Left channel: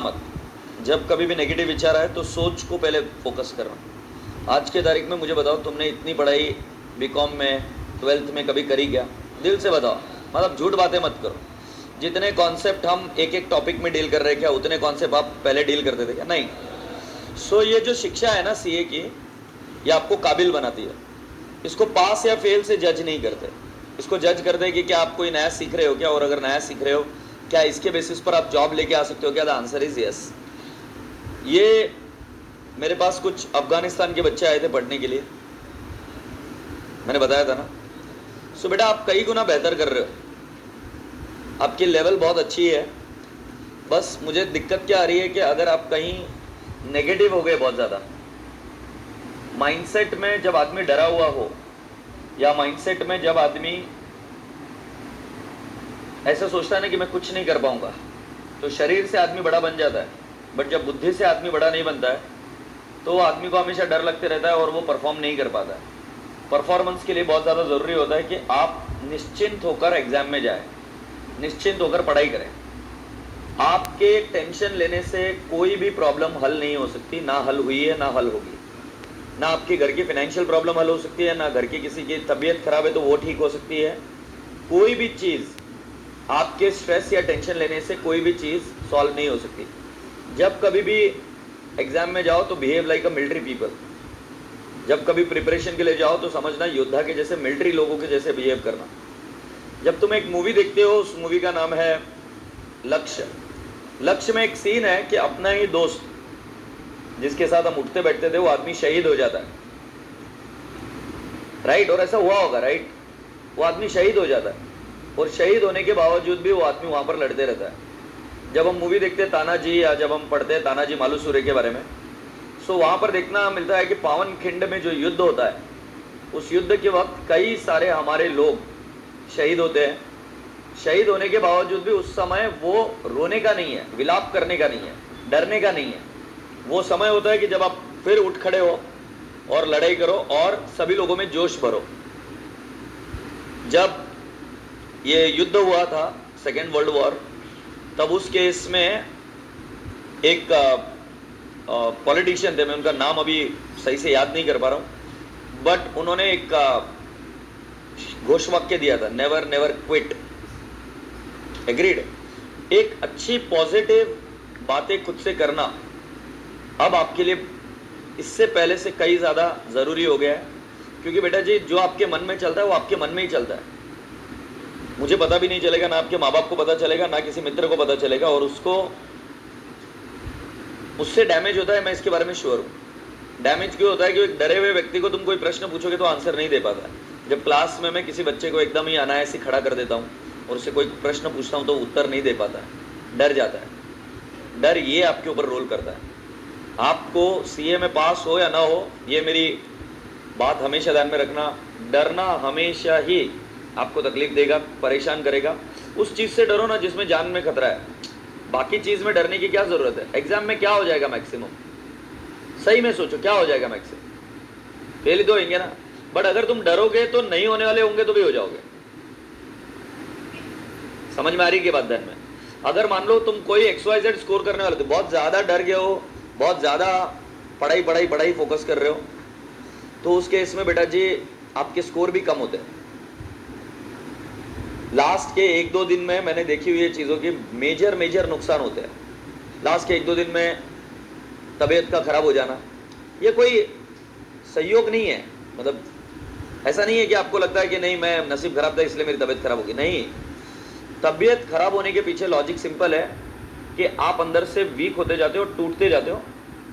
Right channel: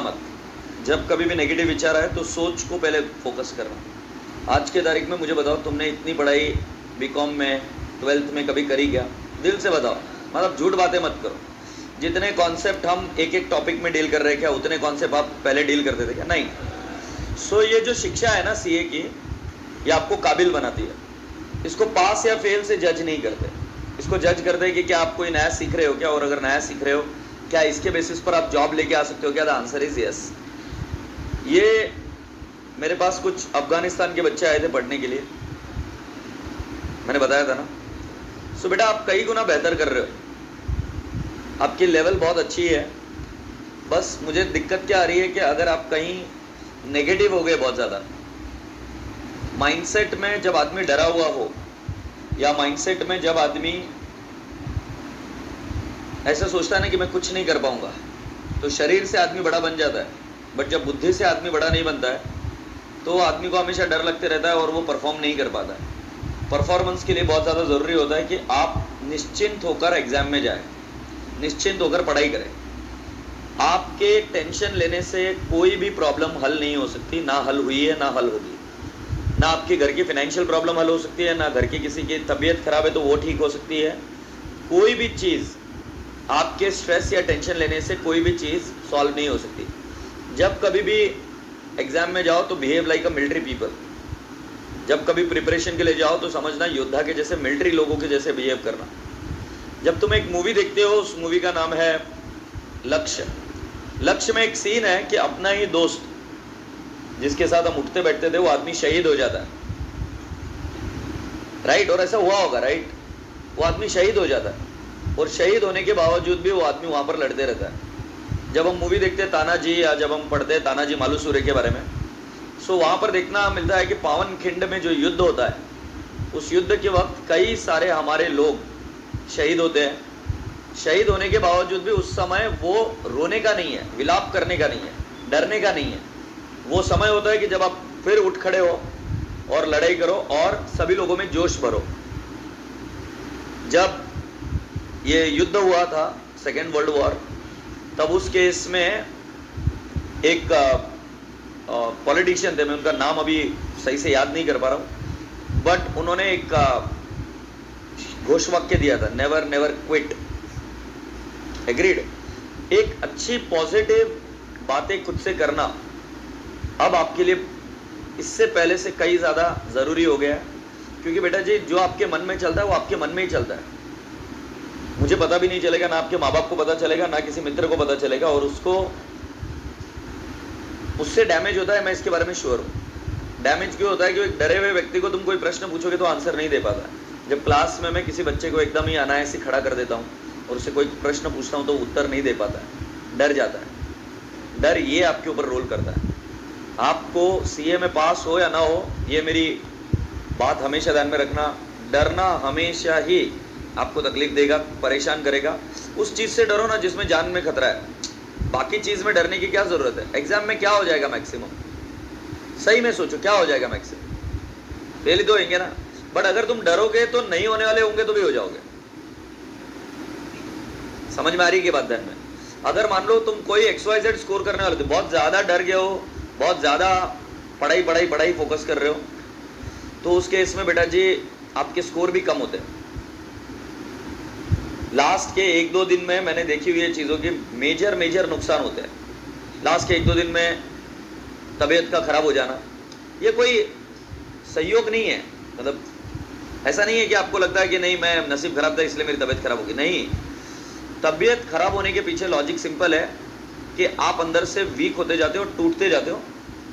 मत। जब कभी भी नेगेटिव विचार आए तो सोच को पहले फोकस करना। आज के तारीख में मुझे बताओ, तुमने इतनी पढ़ाई बीकॉम में 12th में कभी करी क्या? दिल से बताओ, मतलब झूठ बातें मत करो। जितने कॉन्सेप्ट हम एक एक टॉपिक में डील कर रहे हैं, क्या उतने कॉन्सेप्ट आप पहले डील करते थे क्या? नहीं। सो ये जो शिक्षा है ना सीए की, ये आपको काबिल बनाती है। इसको पास या फेल से जज नहीं करते, इसको जज करते हैं कि क्या आप कोई नया सीख रहे हो क्या, और अगर नया सीख रहे हो क्या इसके बेसिस पर आप जॉब लेके आ सकते हो क्या? The answer is yes. ये मेरे पास कुछ अफगानिस्तान के बच्चे आए थे पढ़ने के लिए, मैंने बताया था ना। सो बेटा आप कई गुना बेहतर कर रहे हो, आपकी लेवल बहुत अच्छी है। बस मुझे दिक्कत क्या आ रही है कि अगर आप कहीं नेगेटिव हो गए बहुत ज़्यादा, माइंडसेट में जब आदमी डरा हुआ हो, या माइंडसेट में जब आदमी ऐसा सोचता है ना कि मैं कुछ नहीं कर पाऊंगा, तो शरीर से आदमी बड़ा बन जाता है, बट जब बुद्धि से आदमी बड़ा नहीं बनता है तो आदमी को हमेशा डर लगते रहता है और वो परफॉर्म नहीं कर पाता है। परफॉर्मेंस के लिए बहुत ज़्यादा ज़रूरी होता है कि आप निश्चिंत होकर एग्जाम में जाएं, निश्चिंत होकर पढ़ाई करें। आपके टेंशन लेने से कोई भी प्रॉब्लम हल नहीं हो सकती, ना हल हुई है ना हल होगी। ना आपके घर की फाइनेंशियल प्रॉब्लम हल हो सकती है, ना घर की किसी की तबीयत खराब है तो वो ठीक हो सकती है। कोई भी चीज़ आपके स्ट्रेस या टेंशन लेने से कोई भी चीज़ सॉल्व नहीं हो सकती। जब कभी भी एग्जाम में जाओ तो behave like a military people. जब कभी प्रिपरेशन के लिए जाओ तो समझना योद्धा के जैसे, मिलिट्री लोगों के जैसे बिहेव करना। जब तुम एक मूवी देखते हो, उस मूवी का नाम है लक्ष्य। लक्ष्य में एक सीन है कि अपना ही दोस्त जिसके साथ हम उठते बैठते थे, वो आदमी शहीद हो जाता है, राइट? और ऐसा हुआ होगा, राइट? वो आदमी शहीद हो जाता है, और शहीद होने के बावजूद भी वो आदमी वहां पर लड़ते रहता है। जब हम मूवी देखते हैं तानाजी, या जब हम पढ़ते हैं तानाजी मालुसरे के बारे में, सो वहां पर देखना मिलता है कि पावन खिंड में जो युद्ध होता है, उस युद्ध के वक्त कई सारे हमारे लोग शहीद होते हैं। शहीद होने के बावजूद भी उस समय वो रोने का नहीं है, विलाप करने का नहीं है, डरने का नहीं है। वो समय होता है कि जब आप फिर उठ खड़े हो और लड़ाई करो और सभी लोगों में जोश भरो। जब ये युद्ध हुआ था, सेकेंड वर्ल्ड वॉर, तब उस केस में एक पॉलिटिशियन थे, मैं उनका नाम अभी सही से याद नहीं कर पा रहा हूँ, बट उन्होंने एक घोषवाक्य दिया था, नेवर नेवर क्विट। एग्रीड? एक अच्छी पॉजिटिव बातें खुद से करना अब आपके लिए इससे पहले से कई ज़्यादा ज़रूरी हो गया है। क्योंकि बेटा जी, जो आपके मन में चलता है वो आपके मन में ही चलता है। मुझे पता भी नहीं चलेगा, ना आपके माँ बाप को पता चलेगा, ना किसी मित्र को पता चलेगा, और उससे डैमेज होता है, मैं इसके बारे में श्योर हूँ। डैमेज क्यों होता है? कि एक डरे हुए व्यक्ति को तुम कोई प्रश्न पूछोगे तो आंसर नहीं दे पाता है। जब क्लास में मैं किसी बच्चे को एकदम ही अनायास ही खड़ा कर देता हूँ और उससे कोई प्रश्न पूछता हूँ तो उत्तर नहीं दे पाता, डर जाता है। डर ये आपके ऊपर रोल करता है। आपको सीए में पास हो या ना हो, ये मेरी बात हमेशा ध्यान में रखना, डरना हमेशा ही आपको तकलीफ देगा, परेशान करेगा। उस चीज़ से डरो ना जिसमें जान में खतरा है। बाकी चीज़ में डरने की क्या ज़रूरत है? एग्जाम में क्या हो जाएगा मैक्सिमम? सही में सोचो, क्या हो जाएगा मैक्सिमम? फेल ही तो होंगे ना। बट अगर तुम डरोगे तो नहीं होने वाले होंगे तो भी हो जाओगे। समझ में आ रही की बात? ध्यान में, अगर मान लो तुम कोई XYZ स्कोर करने वाले थे, बहुत ज़्यादा डर गए हो, बहुत ज़्यादा पढ़ाई फोकस कर रहे हो, तो उस केस में बेटा जी आपके स्कोर भी कम होते हैं। लास्ट के 1-2 दिन में मैंने देखी हुई चीज़ों के मेजर नुकसान होते हैं। लास्ट के 1-2 दिन में तबीयत का खराब हो जाना, ये कोई सहयोग नहीं है। मतलब ऐसा नहीं है कि आपको लगता है कि नहीं मैं नसीब खराब था इसलिए मेरी तबीयत खराब होगी। नहीं, तबीयत खराब होने के पीछे लॉजिक सिंपल है कि आप अंदर से वीक होते जाते हो, टूटते जाते हो,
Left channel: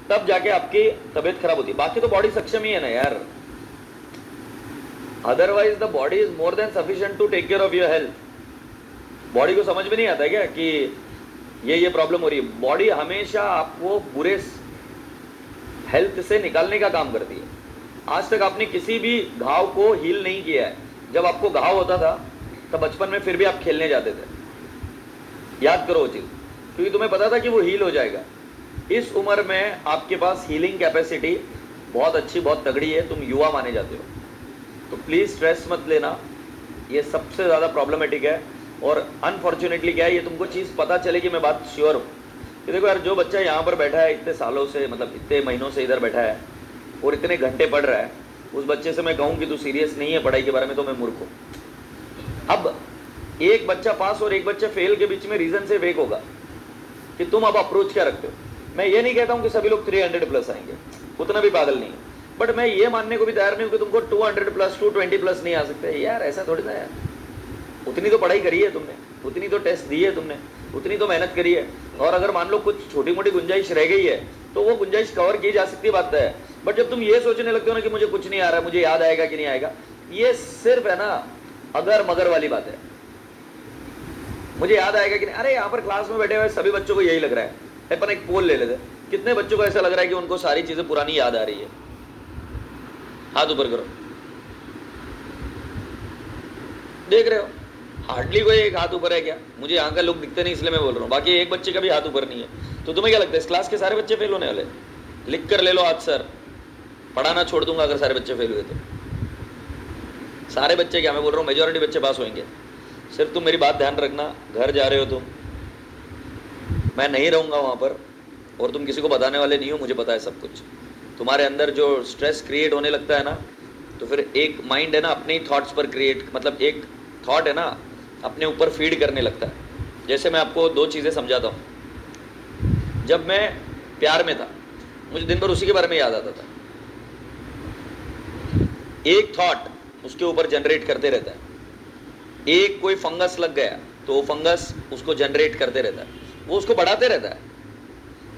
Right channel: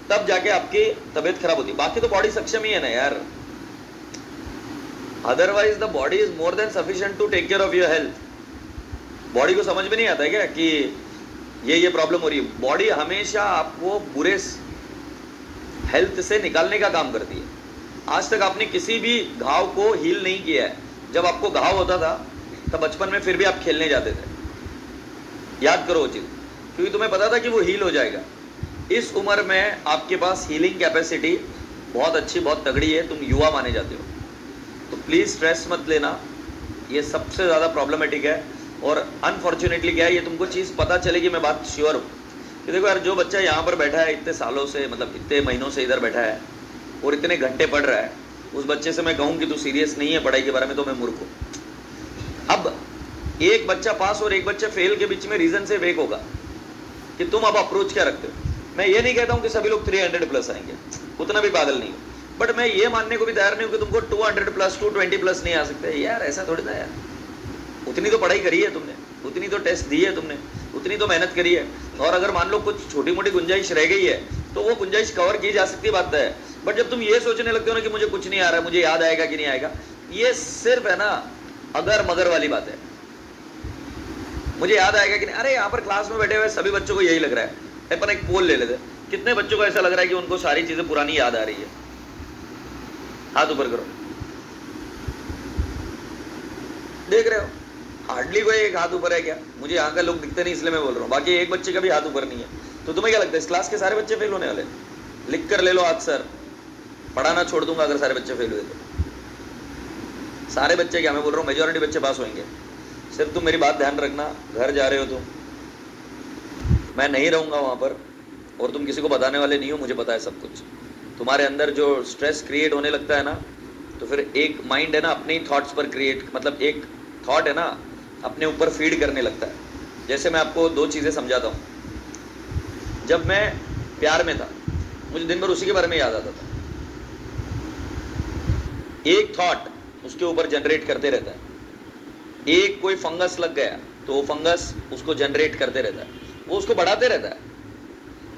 तब जाके आपकी तबीयत खराब होती है। बाकी तो बॉडी सक्षम ही है ना यार। Otherwise the body is more than sufficient to take care of your health. Body को समझ में नहीं आता है क्या कि ये प्रॉब्लम हो रही है? बॉडी हमेशा आपको बुरे हेल्थ से निकालने का काम करती है। आज तक आपने किसी भी घाव को हील नहीं किया है। जब आपको घाव होता था तब बचपन में फिर भी आप खेलने जाते थे। याद करो वो चीज़, क्योंकि तुम्हें पता था कि वो हील हो जाएगा। इस उम्र में आपके पास हीलिंग कैपेसिटी बहुत अच्छी, बहुत तगड़ी है, तुम युवा माने जाते हो। तो प्लीज़ स्ट्रेस मत लेना, ये सबसे ज़्यादा प्रॉब्लमेटिक है। और अनफॉर्चुनेटली क्या है, ये तुमको चीज़ पता चलेगी, मैं बात श्योर हूँ, कि देखो यार, जो बच्चा यहाँ पर बैठा है इतने सालों से, मतलब इतने महीनों से इधर बैठा है और इतने घंटे पढ़ रहा है, उस बच्चे से मैं कहूँ कि तू सीरियस नहीं है पढ़ाई के बारे में, तो मैं मूर्ख हूँ। अब एक बच्चा पास और एक बच्चा फेल के बीच में रीजन से वेक होगा कि तुम अब अप्रोच क्या रखते हो। मैं ये नहीं कहता हूँ कि सभी लोग 300 प्लस आएंगे, उतना भी पागल नहीं, बट मैं ये मानने को भी तैयार नहीं हूँ कि तुमको 200 प्लस 220 प्लस नहीं आ सकते यार, ऐसा थोड़ी ना यार। उतनी तो पढ़ाई करी है तुमने, उतनी तो टेस्ट दी है तुमने, उतनी तो मेहनत करी है, और अगर मान लो कुछ छोटी मोटी गुंजाइश रह गई है तो वो गुंजाइश कवर की जा सकती बात है। बट जब तुम ये सोचने लगते हो ना कि मुझे कुछ नहीं आ रहा, मुझे याद आएगा कि नहीं आएगा, ये सिर्फ है ना अगर मगर वाली बात है। मुझे याद आएगा कि नहीं, अरे यहाँ पर क्लास में बैठे हुए सभी बच्चों को यही लग रहा है। अपन एक पोल ले लेते, कितने बच्चों को ऐसा लग रहा है कि उनको सारी चीजें पुरानी याद आ रही है? हाथ ऊपर करो, देख रहे हो हार्डली कोई एक हाथ ऊपर है क्या? मुझे यहाँ का लोग दिखते नहीं इसलिए मैं बोल रहा हूँ, बाकी एक बच्चे का भी हाथ ऊपर नहीं है। तो तुम्हें क्या लगता है इस क्लास के सारे बच्चे फेल होने वाले? लिख कर ले लो आज, सर पढ़ाना छोड़ दूंगा अगर सारे बच्चे फेल हुए तो। सारे बच्चे क्या, मैं बोल रहा हूँ मेजॉरिटी बच्चे पास होंगे। सिर्फ तुम मेरी बात ध्यान रखना, घर जा रहे हो तो मैं नहीं रहूंगा वहां पर, और तुम किसी को बताने वाले नहीं हो, मुझे पता है सब कुछ। तुम्हारे अंदर जो स्ट्रेस क्रिएट होने लगता है ना, तो फिर एक माइंड है ना अपने ही थॉट्स पर क्रिएट, मतलब एक थॉट है ना अपने ऊपर फीड करने लगता है। जैसे मैं आपको दो चीजें समझाता हूँ। जब मैं प्यार में था, मुझे दिन भर उसी के बारे में याद आता था। एक थॉट उसके ऊपर जनरेट करते रहता है। एक कोई फंगस लग गया तो वो फंगस उसको जनरेट करते रहता है, वो उसको बढ़ाते रहता है।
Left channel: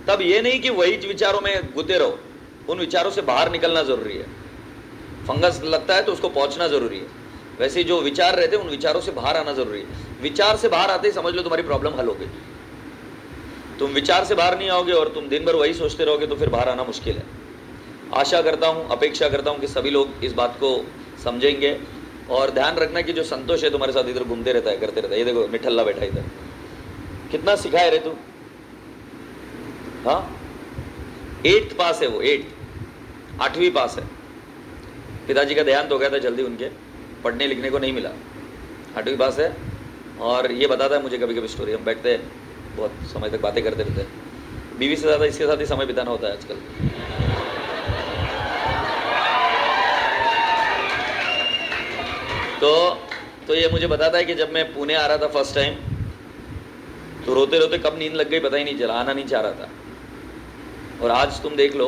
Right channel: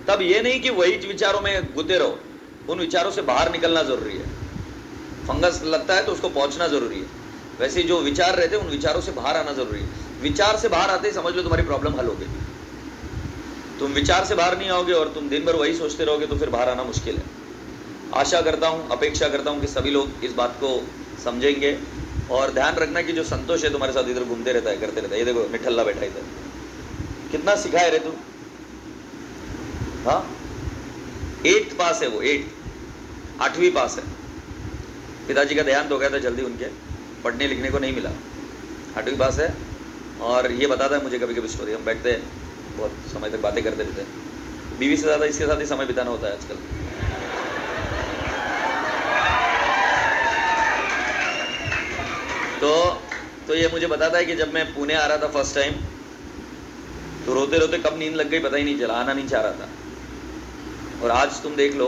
तब ये नहीं कि वही विचारों में गुते रहो, उन विचारों से बाहर निकलना जरूरी है। फंगस लगता है तो उसको पहुंचना जरूरी है। वैसे जो विचार रहते हैं उन विचारों से बाहर आना जरूरी है। विचार से बाहर आते ही समझ लो तुम्हारी प्रॉब्लम हल हो गई। तुम विचार से बाहर नहीं आओगे और तुम दिन भर वही सोचते रहोगे तो फिर बाहर आना मुश्किल है। आशा करता हूँ, अपेक्षा करता हूँ कि सभी लोग इस बात को समझेंगे। और ध्यान रखना कि जो संतोष है तुम्हारे साथ इधर घूमते रहता है, करते रहता है। ये देखो मिठल्ला बैठा इधर, कितना सिखा है रे तू। हाँ 8th पास है वो, 8वीं पास है। पिताजी का देहांत हो गया था जल्दी, उनके पढ़ने लिखने को नहीं मिला। 8वीं पास है और ये बताता है मुझे कभी कभी स्टोरी। हम बैठते हैं बहुत समय तक बातें करते रहते हैं। बीवी से ज़्यादा इसके साथ ही समय बिताना होता है आजकल। तो ये मुझे बताता है कि जब मैं पुणे आ रहा था फर्स्ट टाइम, तो रोते रोते कब नींद लग गई पता ही नहीं चला, आना नहीं चाह रहा था। और आज तुम देख लो,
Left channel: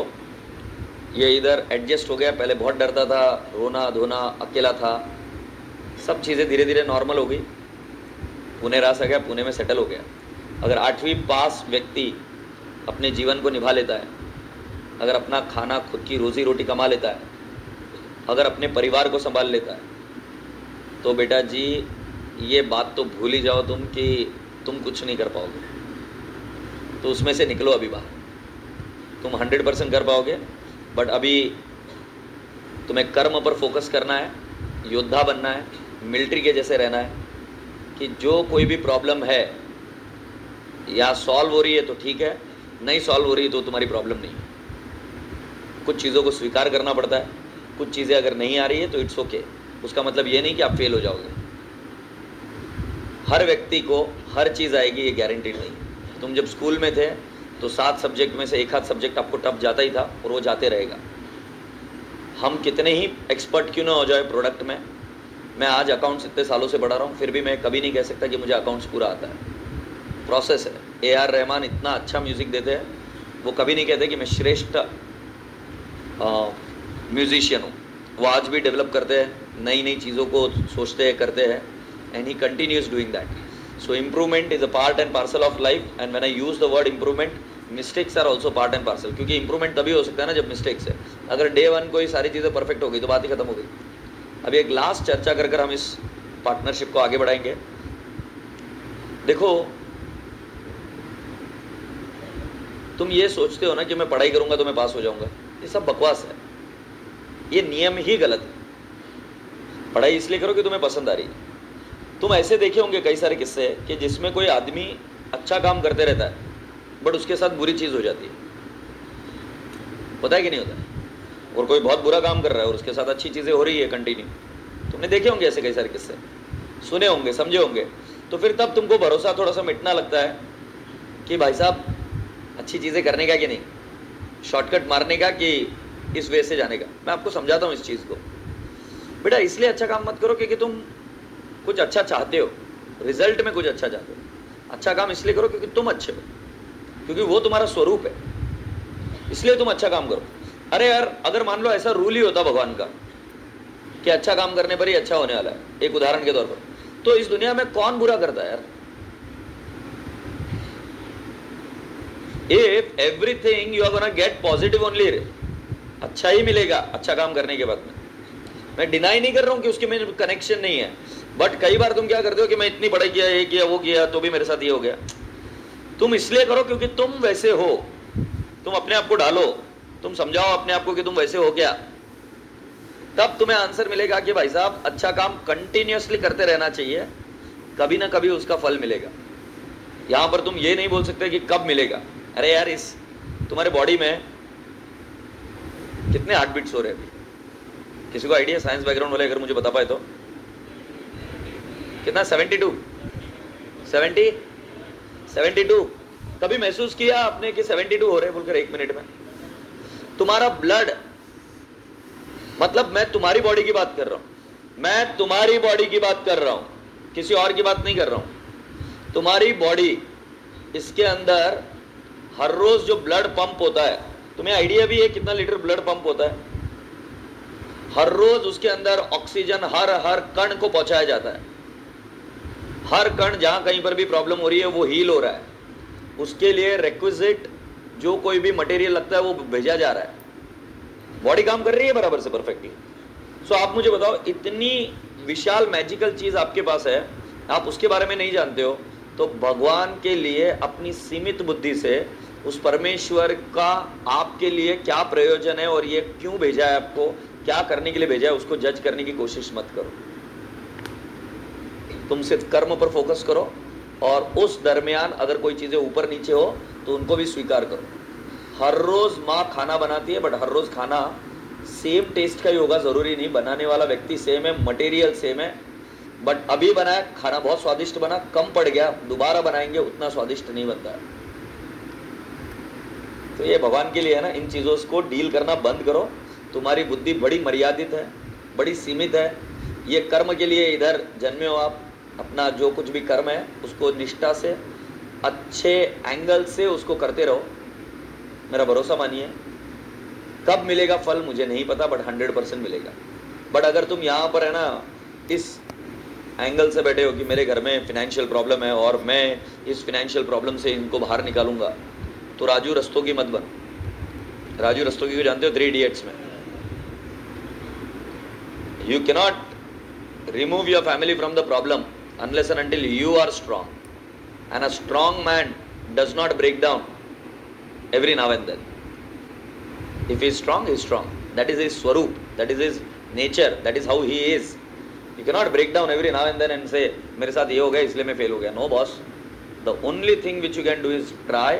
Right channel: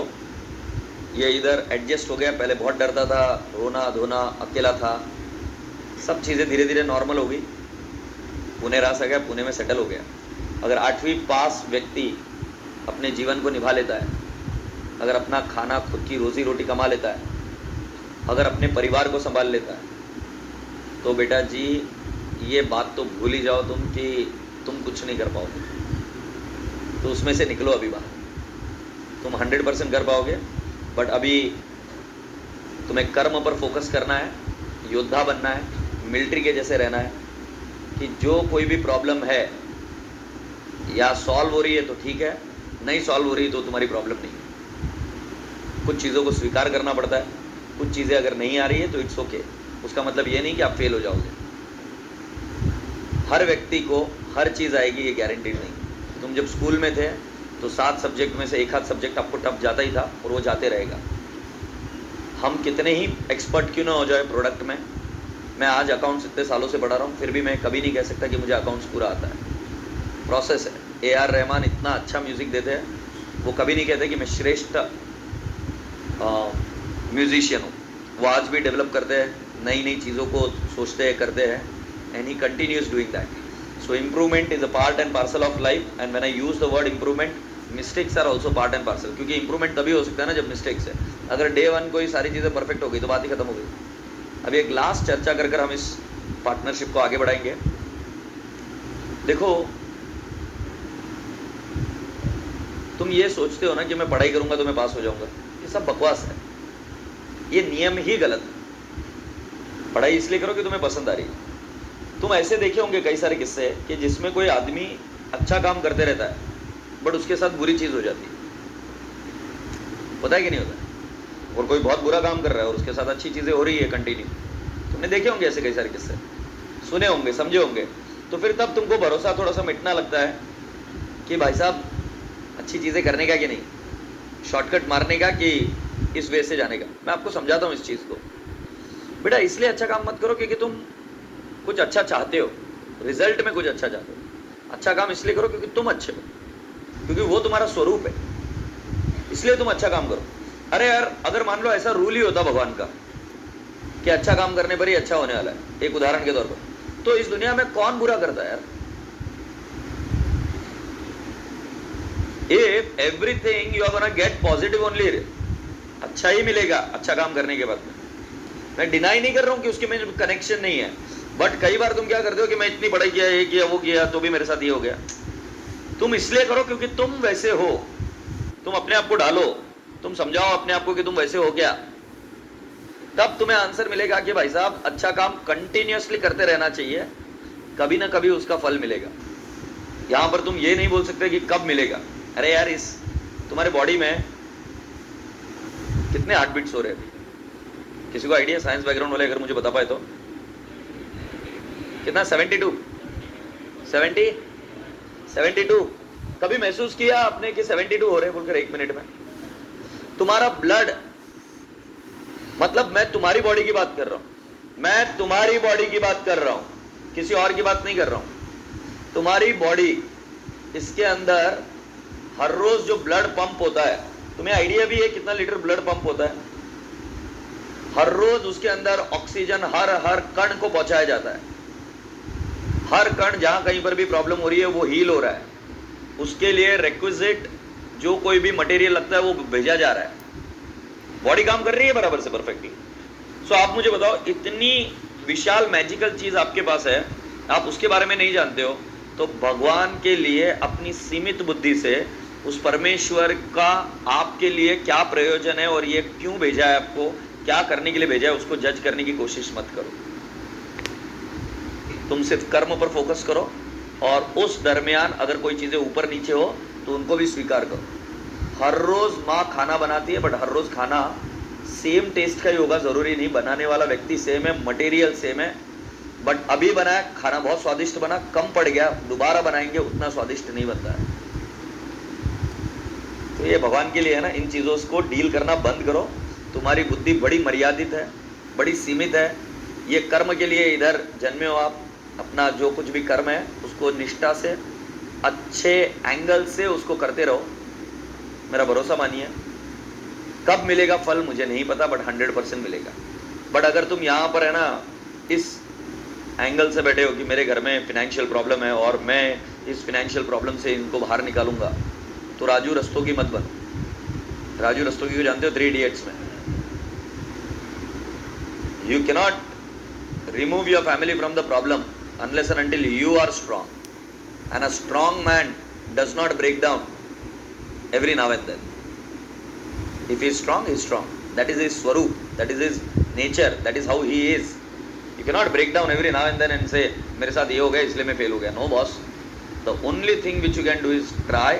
ये इधर एडजस्ट हो गया। पहले बहुत डरता था, रोना धोना, अकेला था। सब चीज़ें धीरे धीरे नॉर्मल हो गई। पुणे रास आ गया, पुणे में सेटल हो गया। अगर 8वीं पास व्यक्ति अपने जीवन को निभा लेता है, अगर अपना खाना खुद की रोजी रोटी कमा लेता है, अगर अपने परिवार को संभाल लेता है, तो बेटा जी ये बात तो भूल ही जाओ तुम कि तुम कुछ नहीं कर पाओगे। तो उसमें से निकलो अभी बाहर। तुम 100% कर पाओगे, बट अभी तुम्हें कर्म पर फोकस करना है, योद्धा बनना है, मिलिट्री के जैसे रहना है कि जो कोई भी प्रॉब्लम है या सॉल्व हो रही है तो ठीक है, नहीं सॉल्व हो रही है तो तुम्हारी प्रॉब्लम नहीं है। कुछ चीज़ों को स्वीकार करना पड़ता है। कुछ चीज़ें अगर नहीं आ रही है तो इट्स ओके। उसका मतलब ये नहीं कि आप फेल हो जाओगे। हर व्यक्ति को हर चीज़ आएगी ये गारंटीड नहीं। तुम जब स्कूल में थे तो 7 सब्जेक्ट में से एक आध सब्जेक्ट आपको टफ जाता ही था और वो जाते रहेगा। हम कितने ही एक्सपर्ट क्यों ना हो जाए प्रोडक्ट में, मैं आज अकाउंट्स इतने सालों से पढ़ा रहा हूँ, फिर भी मैं कभी नहीं कह सकता कि मुझे अकाउंट्स पूरा आता है। प्रोसेस है। AR रहमान इतना अच्छा म्यूज़िक देते हैं, वो कभी नहीं कहते कि मैं श्रेष्ठ म्यूजिशियन हूँ। वो आज भी डेवलप करते हैं, नई नई चीज़ों को सोचते हैं, करते हैं, and he continues doing that. So improvement is a part and parcel of life. And when I use the word improvement, mistakes are also part and parcel. क्योंकि इंप्रूवमेंट तभी हो सकता है ना जब मिस्टेक्स है। अगर डे 1 को ये सारी चीज़ें परफेक्ट हो गई तो बात ही खत्म हो गई। अभी एक लास्ट चर्चा कर हम इस पार्टनरशिप को आगे बढ़ाएंगे। देखो, तुम ये सोचते हो ना कि मैं पढ़ाई करूंगा तो मैं पास हो जाऊंगा, ये सब बकवास है। ये नियम ही गलत है। पढ़ाई इसलिए करो कि तुम्हें पसंद आ रही है। तुम ऐसे देखे होंगे कई सारे किस्से कि जिसमें कोई आदमी अच्छा काम करते रहता है बट उसके साथ बुरी चीज़ हो जाती है। होता है कि नहीं होता है? और कोई बहुत बुरा काम कर रहा है और उसके साथ अच्छी चीज़ें हो रही है कंटिन्यू। तुमने देखे होंगे ऐसे कई सारे किस्से, सुने होंगे, समझे होंगे। तो फिर तब तुमको भरोसा थोड़ा सा मिटना लगता है कि भाई साहब अच्छी चीज़ें करने का कि नहीं, शॉर्टकट मारने का कि इस वे से जाने का। मैं आपको समझाता हूँ इस चीज़ को। बेटा इसलिए अच्छा काम मत करो क्योंकि तुम कुछ अच्छा चाहते हो, रिजल्ट में कुछ अच्छा चाहते हो। अच्छा काम इसलिए करो क्योंकि तुम अच्छे हो, क्योंकि वो तुम्हारा स्वरूप है, इसलिए तुम अच्छा काम करो। अरे यार, अगर मान लो ऐसा रूल ही होता भगवान का कि अच्छा काम करने पर ही अच्छा होने वाला है, एक उदाहरण के तौर पर, तो इस दुनिया में कौन बुरा करता है यार? If everything you are gonna get positive only, अच्छा ही मिलेगा अच्छा काम करने के बाद में। मैं डिनाई नहीं कर रहा हूँ कि उसके में कनेक्शन नहीं है, बट कई बार तुम क्या करते हो कि मैं इतनी पढ़ाई किया, ये किया, वो किया, तो भी मेरे साथ ये हो गया। तुम इसलिए करो क्योंकि तुम वैसे हो, तुम अपने आप को डालो, तुम समझाओ अपने आप को कि तुम वैसे हो क्या, तब तुम्हें आंसर मिलेगा कि भाई साहब अच्छा काम कंटिन्यूअसली करते रहना चाहिए, कभी ना कभी उसका फल मिलेगा। यहां पर तुम ये नहीं बोल सकते कि कब मिलेगा। अरे यार, इस तुम्हारे बॉडी में कितने हार्ट बीट्स हो रहे हैं? किसी को आइडिया? साइंस बैकग्राउंड वाले अगर मुझे बता पाए तो। कितना? 72 70 72। कभी महसूस किया आपने कि 72 हो रहे हैं बोलकर एक मिनट में? तुम्हारा ब्लड, मतलब मैं तुम्हारी बॉडी की बात कर रहा हूं, मैं तुम्हारी बॉडी की बात कर रहा हूं, किसी और की बात नहीं कर रहा हूं। तुम्हारी बॉडी, इसके अंदर हर रोज जो ब्लड पंप होता है, तुम्हें आइडिया भी है कितना लीटर ब्लड पंप होता है? हर रोज उसके अंदर ऑक्सीजन हर कण को पहुंचाया जाता है। हर कण जहां कहीं पर भी प्रॉब्लम हो रही है वो हील हो रहा है, उसके लिए रिक्विजिट जो कोई भी मटेरियल लगता है वो भेजा जा रहा है। बॉडी काम कर रही है बराबर से परफेक्टली। सो आप मुझे बताओ, इतनी विशाल मैजिकल चीज आपके पास है, आप उसके बारे में नहीं जानते हो, तो भगवान के लिए अपनी सीमित बुद्धि से उस परमेश्वर का आपके लिए क्या प्रयोजन है और ये क्यों भेजा है, आपको क्या करने के लिए भेजा है, उसको जज करने की कोशिश मत करो। तुम सिर्फ कर्म पर फोकस करो, और उस दरमियान अगर कोई चीजें ऊपर नीचे हो तो उनको भी स्वीकार करो। हर रोज माँ खाना बनाती है, बट हर रोज खाना सेम टेस्ट का ही होगा जरूरी नहीं। बनाने वाला व्यक्ति सेम है, मटेरियल सेम है, बट अभी बनाया खाना बहुत स्वादिष्ट बना, कम पड़ गया, दोबारा बनाएंगे उतना स्वादिष्ट नहीं बनता है। तो ये भगवान के लिए है ना, इन चीजों को डील करना बंद करो। तुम्हारी बुद्धि बड़ी मर्यादित है, बड़ी सीमित है। ये कर्म के लिए इधर जन्मे हो आप, अपना जो कुछ भी कर्म है उसको निष्ठा से, अच्छे एंगल से उसको करते रहो। मेरा भरोसा मानिए, कब मिलेगा फल मुझे नहीं पता, बट 100% मिलेगा। बट अगर तुम यहाँ पर है ना इस एंगल से बैठे हो कि मेरे घर में फिनेंशियल प्रॉब्लम है और मैं इस फिनेंशियल प्रॉब्लम से इनको बाहर निकालूंगा, तो राजू रस्तोगी मत बन। राजू रस्तोगी को जानते हो 3 इडियट्स में? You cannot remove your family from the problem unless and until you are strong, and a strong man does not break down every now and then. If he is strong, he is strong. That is his swaroop, that is his nature, that is how he is. You cannot break down every now and then and say मेरे साथ ये हो गया इसलिए मैं fail हो गया। No boss, the only thing which you can do is try,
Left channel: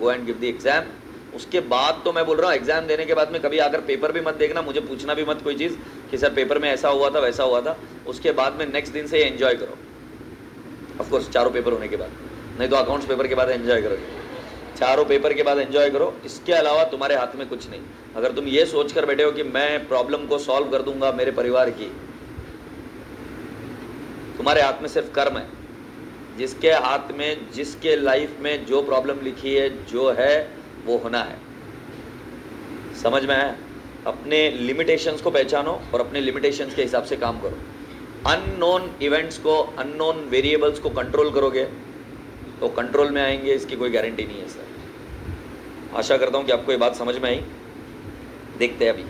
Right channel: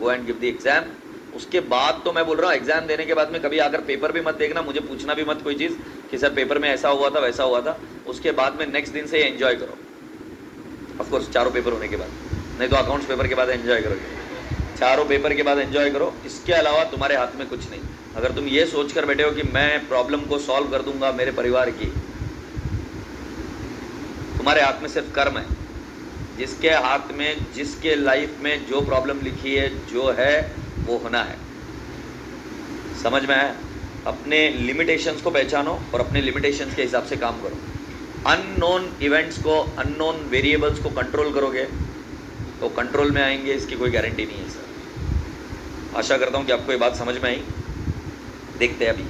go and give the exam. उसके बाद तो मैं बोल रहा हूँ, एग्जाम देने के बाद में कभी आकर पेपर भी मत देखना, मुझे पूछना भी मत कोई चीज़ कि सर पेपर में ऐसा हुआ था वैसा हुआ था। उसके बाद में नेक्स्ट दिन से एंजॉय करो। ऑफकोर्स चारों पेपर होने के बाद, नहीं तो अकाउंट्स पेपर के बाद एंजॉय करोगे। चारों पेपर के बाद एंजॉय करो, इसके अलावा तुम्हारे हाथ में कुछ नहीं। अगर तुम ये सोच कर बैठे हो कि मैं प्रॉब्लम को सॉल्व कर दूंगा मेरे परिवार की, तुम्हारे हाथ में सिर्फ कर्म है। जिसके हाथ में, जिसके लाइफ में जो प्रॉब्लम लिखी है, जो है वो होना है। समझ में आया? अपने लिमिटेशंस को पहचानो और अपने लिमिटेशंस के हिसाब से काम करो। अननोन इवेंट्स को, अननोन वेरिएबल्स को कंट्रोल करोगे तो कंट्रोल में आएंगे, इसकी कोई गारंटी नहीं है सर। आशा करता हूँ कि आपको ये बात समझ में आई। देखते हैं अभी।